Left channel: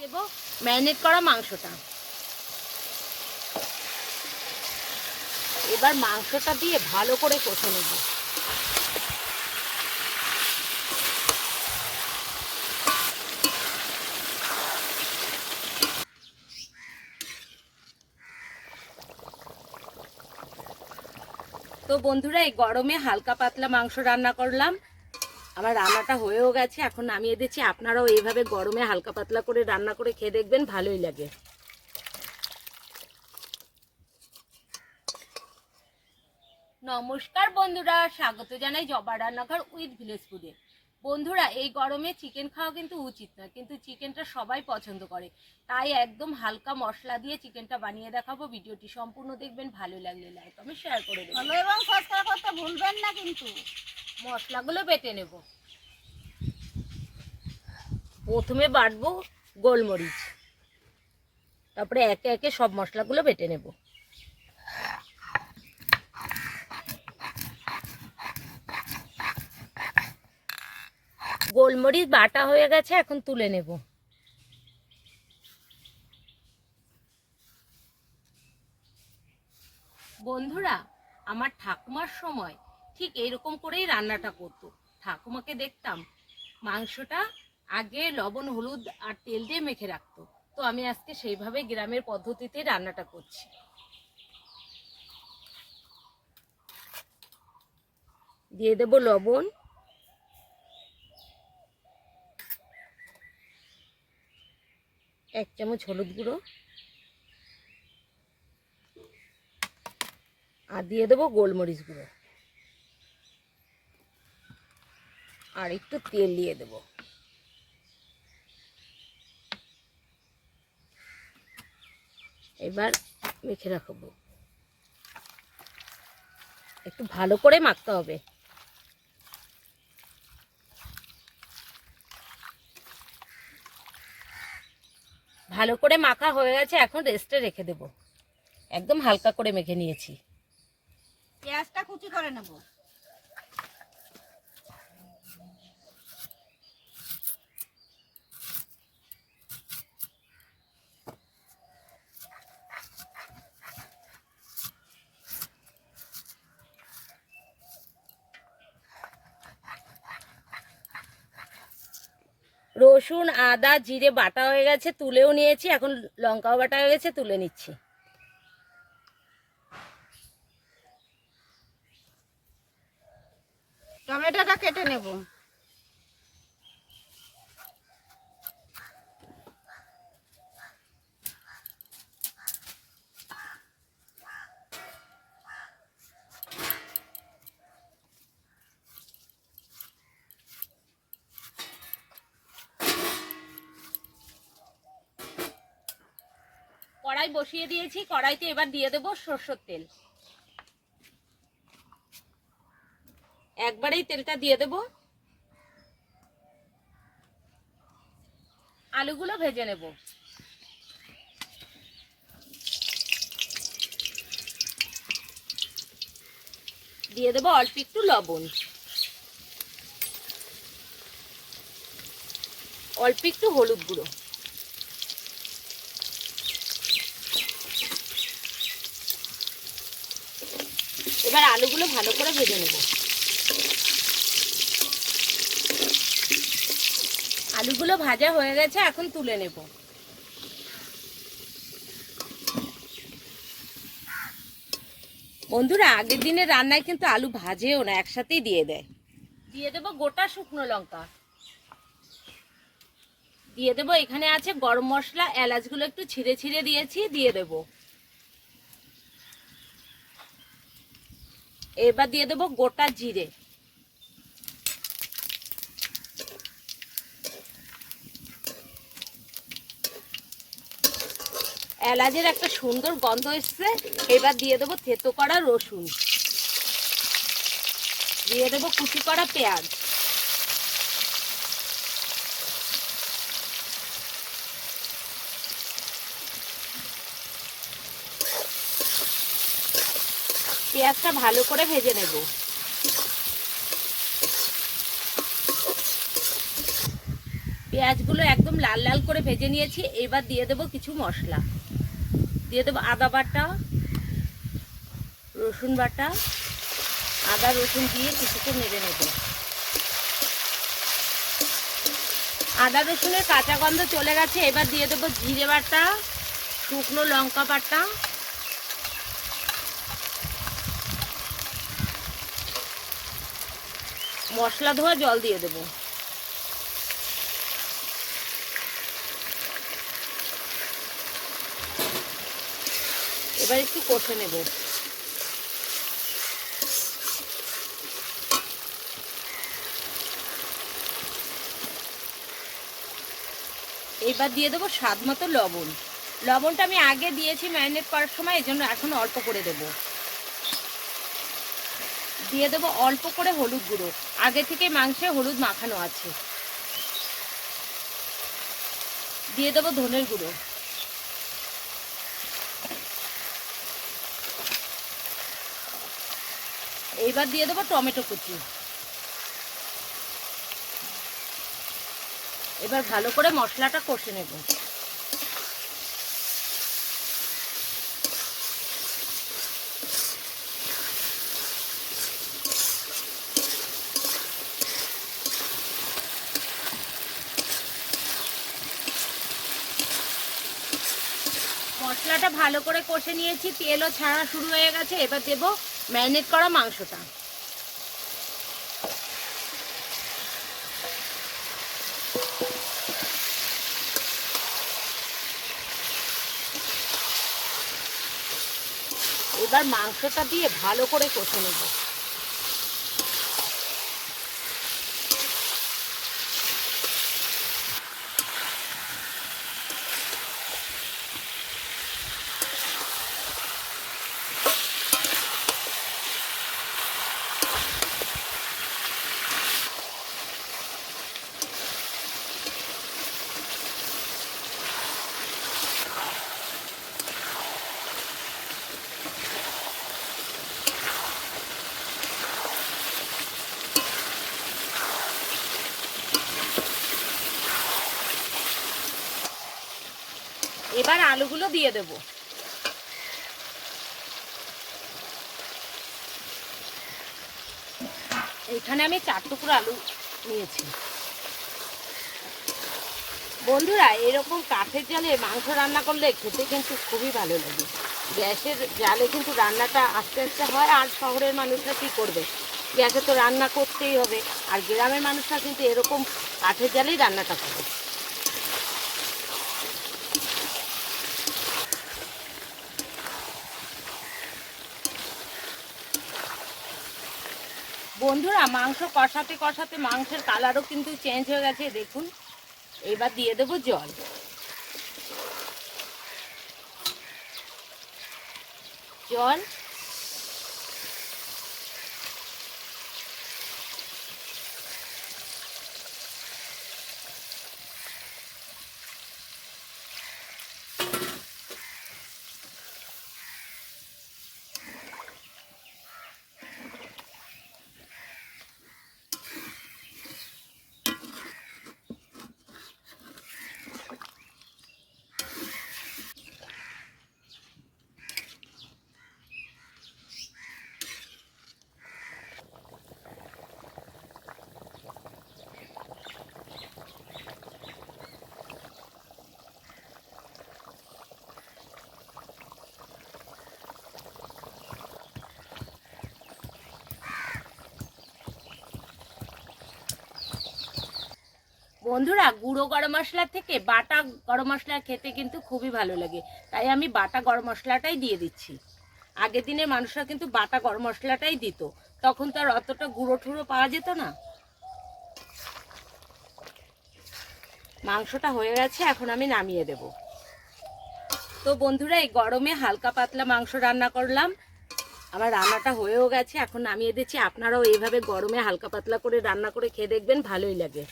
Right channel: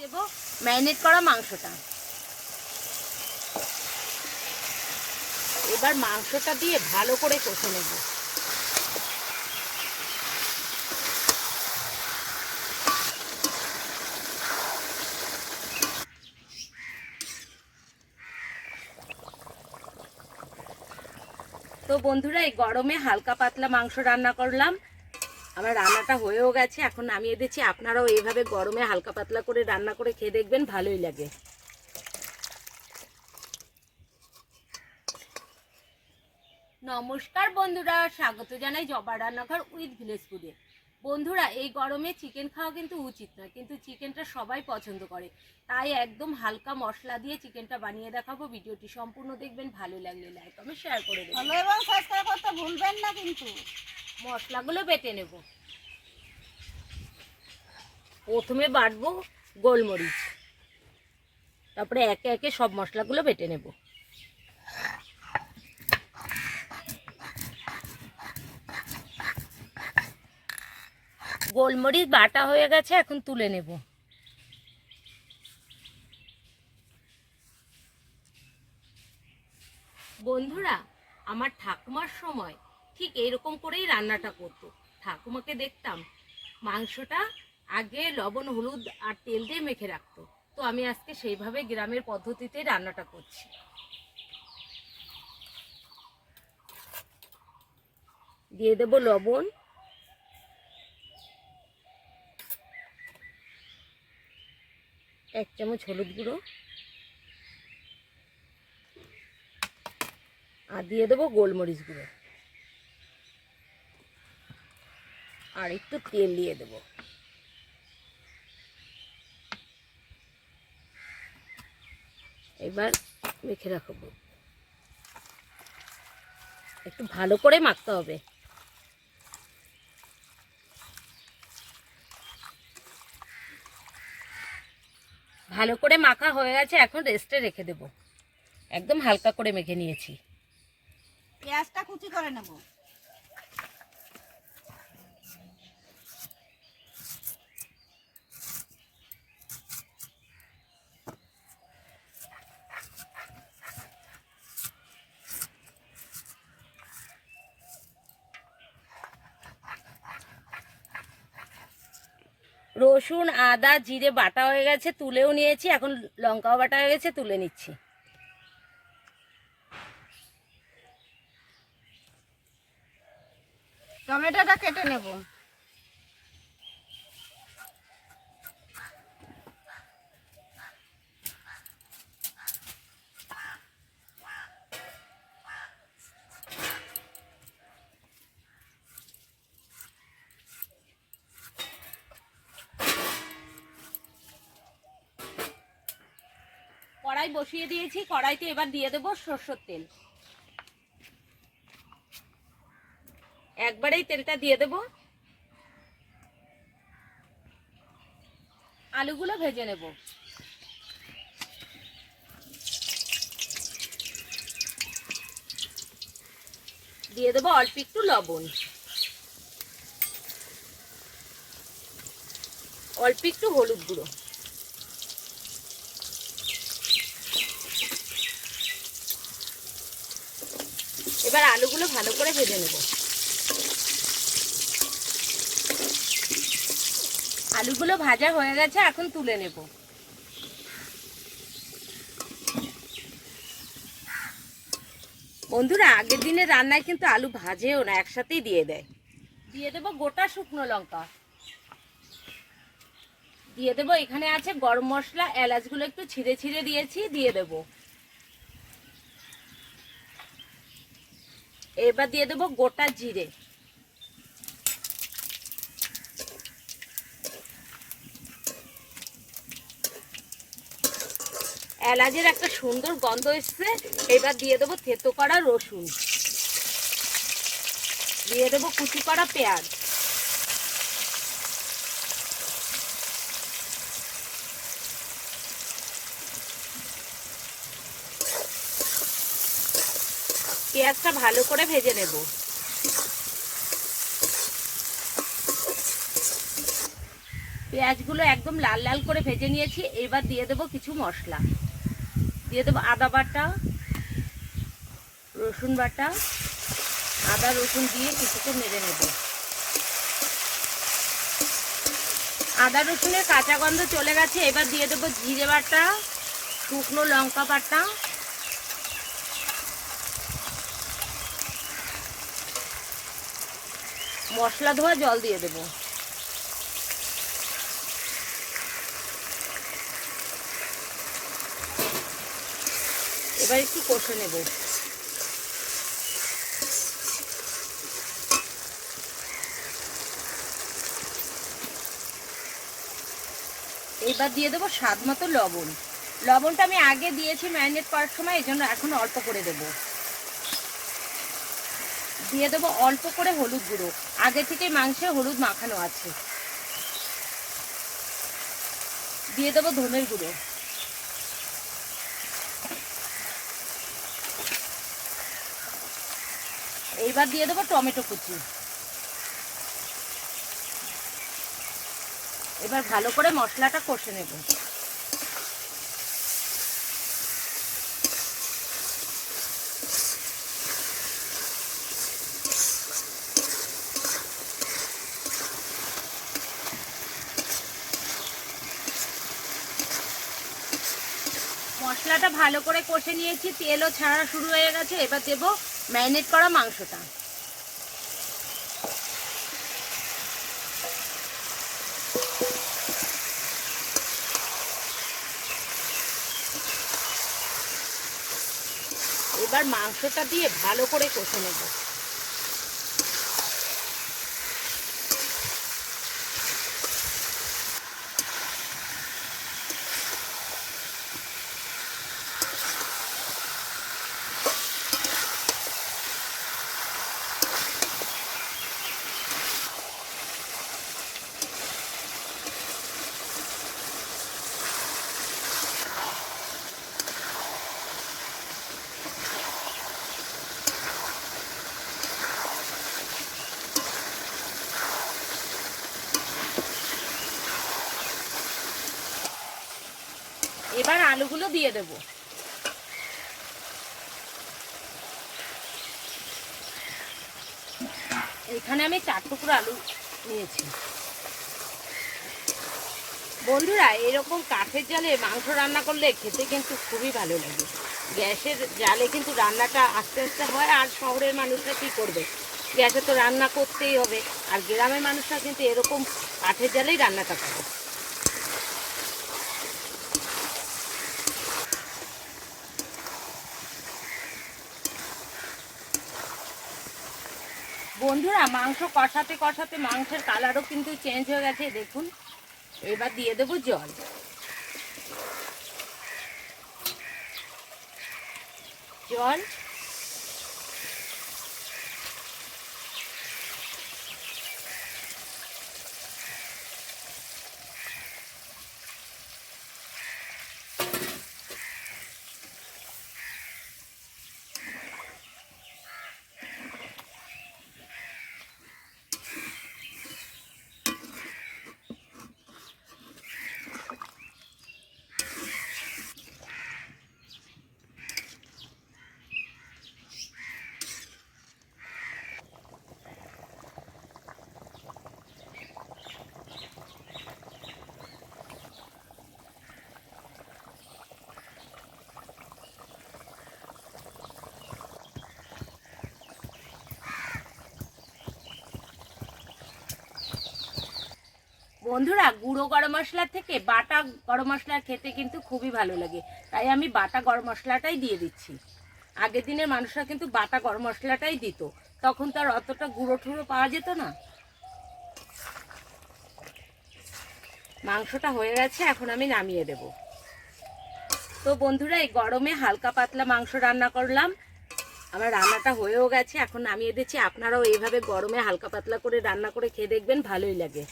দেব marinate করা মাংসটা। এবার মাংসটা দিয়ে ভালো করে কষে নেব। তো বন্ধুরা, এই গরমে হালকা পাতলা মাংস রান্না করলাম। আমার রান্নাটা হয়েও গেছে এখন নামিয়ে দিচ্ছি। আপনারাও এইভাবে গরমে হালকা পাতলা করে রান্না করে খেয়ে দেখবেন ভালোই লাগে। নমস্কার বন্ধুরা স্বাগত জানাই জবা রান্নাঘর উইথ ভিলেজ ফুডে বন্ধুরা এই গরমে চিকেন খাওয়া কিন্তু উচিত নয় কিন্তু চিকেনটা সবাই পছন্দ করে। তাই একদম হালকা মশলা দিয়ে চিকেনটা বানিয়ে দেখাবো। ভিডিওটি সম্পূর্ণ দেখবেন ভালো লাগলে লাইক আমি শেয়ার করে দেবো ফলো এবং সাবস্ক্রাইব করতে ভুলবেন না কিন্তু। মশলাগুলো বেটে নেব। প্রথমে বাটবো গোলমরিচ। তারপরে একে একে সব মশলাগুলো বেটে নেব। গোলমরিচ বাটা হয়ে গেছে, এখন তুলে নেব। বন্ধুরা, আমার ঠাকুমার সময় ঠিক এরকম করেই রান্নাটা করতো। ঠাকুমাকে দেখতাম মাংসটা আগে লবণ, হলুদ আর তেল দিয়ে মেখে রাখতো। তো আমি আজকে সেইভাবে গ্রামের পদ্ধতিতে রান্নাটা করছি। দিয়ে দেব লবণ। এক চামচ হলুদ গুঁড়ো। আর দিয়ে দেবো গোলমরিচ গুঁড়ো। আর একটু তেল দিয়ে দেবো। এবার মেখে রাখব। একটু ভালো করে মাখতে হবে। ভালো করে মাখা হয়ে গেছে, এখন রেস্টে রেখে দেবো। একদম হালকা করে মেখে নিয়েছি। পেঁয়াজটা কুচি করে নেব। রসুন, আদা, জিরে বাটা হয়ে গেছে, তুলেও নিয়েছি। এখন লঙ্কাও বাটা হয়ে গেছে, তুলে নিচ্ছি। টমেটোটা কেটে নেব। কড়াই বসিয়ে দিয়েছি, কড়াইতে এবার দিয়ে দেবো সর্ষের তেল। একবারেই তেলটা দিয়ে দেব। আলুগুলো ভেজে নেব। দিয়ে দেবো অল্প একটু লবণ। অল্প একটু হলুদ গুঁড়ো। এবার আলুগুলো ভালো করে ভেজে নেব। আলুগুলো ভাজা হয়ে গেছে, এখন তুলে নেব। বন্ধুরা, আগের দিনের রান্নায় কিন্তু আলু ভাজেও না, একসাথেই দিয়ে দেয়। দিয়ে দেবো গোটা শুকনো লঙ্কা। দিয়ে দেবো, এখানে আছে গরম মশলা, এলাচগুলো একটু ছিঁড়ে ছিঁড়ে দিয়েছি, দিয়ে দেবো। এবার দিয়ে দেবো গোটা জিরে। এলাচের একটা সুন্দর গন্ধ এসছে, এবার দিয়ে দেবো থেতো করা রসুন। দিয়ে দেবো কুচি করা পেঁয়াজ। পেঁয়াজটা ভালো করে ভেজে নেব। পেঁয়াজগুলো একদম লাল লাল করে ভেজে নিয়েছি, এবার দিয়ে দেবো কিছু মশলা। দিয়ে দেবো আদা বাটা, রসুন বাটা, আদা রসুন দিয়ে কিছুক্ষণ নেড়ে নেব। আদা রসুনের কাঁচা গন্ধ চলে গেছে, এবার দিয়ে দেবো জিরে বাটা, শুকনো লঙ্কা বাটা মশলা ধোয়া জল দিয়ে দেবো। এবার একটু কষে নেব। এবার দিয়ে দেবো স্বাদ মতো লবণ। লবণটা আমি আগে দিয়েছি ম্যারিনেট করার সময় এই জন্য এখন অল্প করে দেবো। দিয়ে দেবো অল্প করে হলুদ গুঁড়ো। আগে থেকে মাংসে হলুদ মাখানো আছে। দিয়ে দেবো ধনের গুঁড়ো। এইবার দিয়ে দেবো টমেটো কুচি। এবার ভালো করে মশলাটা কষে নেব। মশলাটা ভালো করে কষে নিয়েছি, তেলও ছাড়া শুরু হয়ে গেছে, এবার দেবো ম্যারিনেট করা মাংসটা। এবার মাংসটা দিয়ে ভালো করে কষে নেব এবার আলুগুলো দিয়ে দেব। এখানে আমি চার টুকরো আলু নিয়েছি। বন্ধুরা, এরকম কাঠের জালে মাংস রান্না করলে খেতে কিন্তু খুবই ভালো লাগে। গ্যাসের জালে কিন্তু রান্নাটা আস্তে আস্তে হয় আর শহরের মানুষরা কী করবে? গ্যাসে তো রান্না করতেই হবে। আর গ্রামের মানুষরা কিন্তু এরকম কাঠের জালেই রান্নাটা করে। বন্ধুরা, মাংস কষাতে কষাতে মাংসের কালারও কিন্তু চেঞ্জ হয়ে গেছে দেখুন। এবার দিয়ে দেবো জল। জল বন্ধুরা, গুঁড়ো গরম মশলা থেকে বাটা গরম মশলা খেতে কিন্তু খুবই ভালো লাগে। তাই আমি বাটা গরম মশলাটাই দিয়ে দিচ্ছি। আগের দিনের মানুষরা কিন্তু বাটা গরম মশলাটাই দিত। তখন তার অতটা গুঁড়ো ঠুড়ো পাওয়া যেত না। মাংসটা হয়ে গেছে, এখন আমি নামিয়ে দেব। তো বন্ধুরা, এই গরমে হালকা পাতলা মাংস রান্না করলাম। আমার রান্নাটা হয়েও গেছে, এখন নামিয়ে দিচ্ছি। আপনারাও এইভাবে গরমে হালকা পাতলা করে রান্না করে খেয়ে দেখবেন, ভালোই লাগে।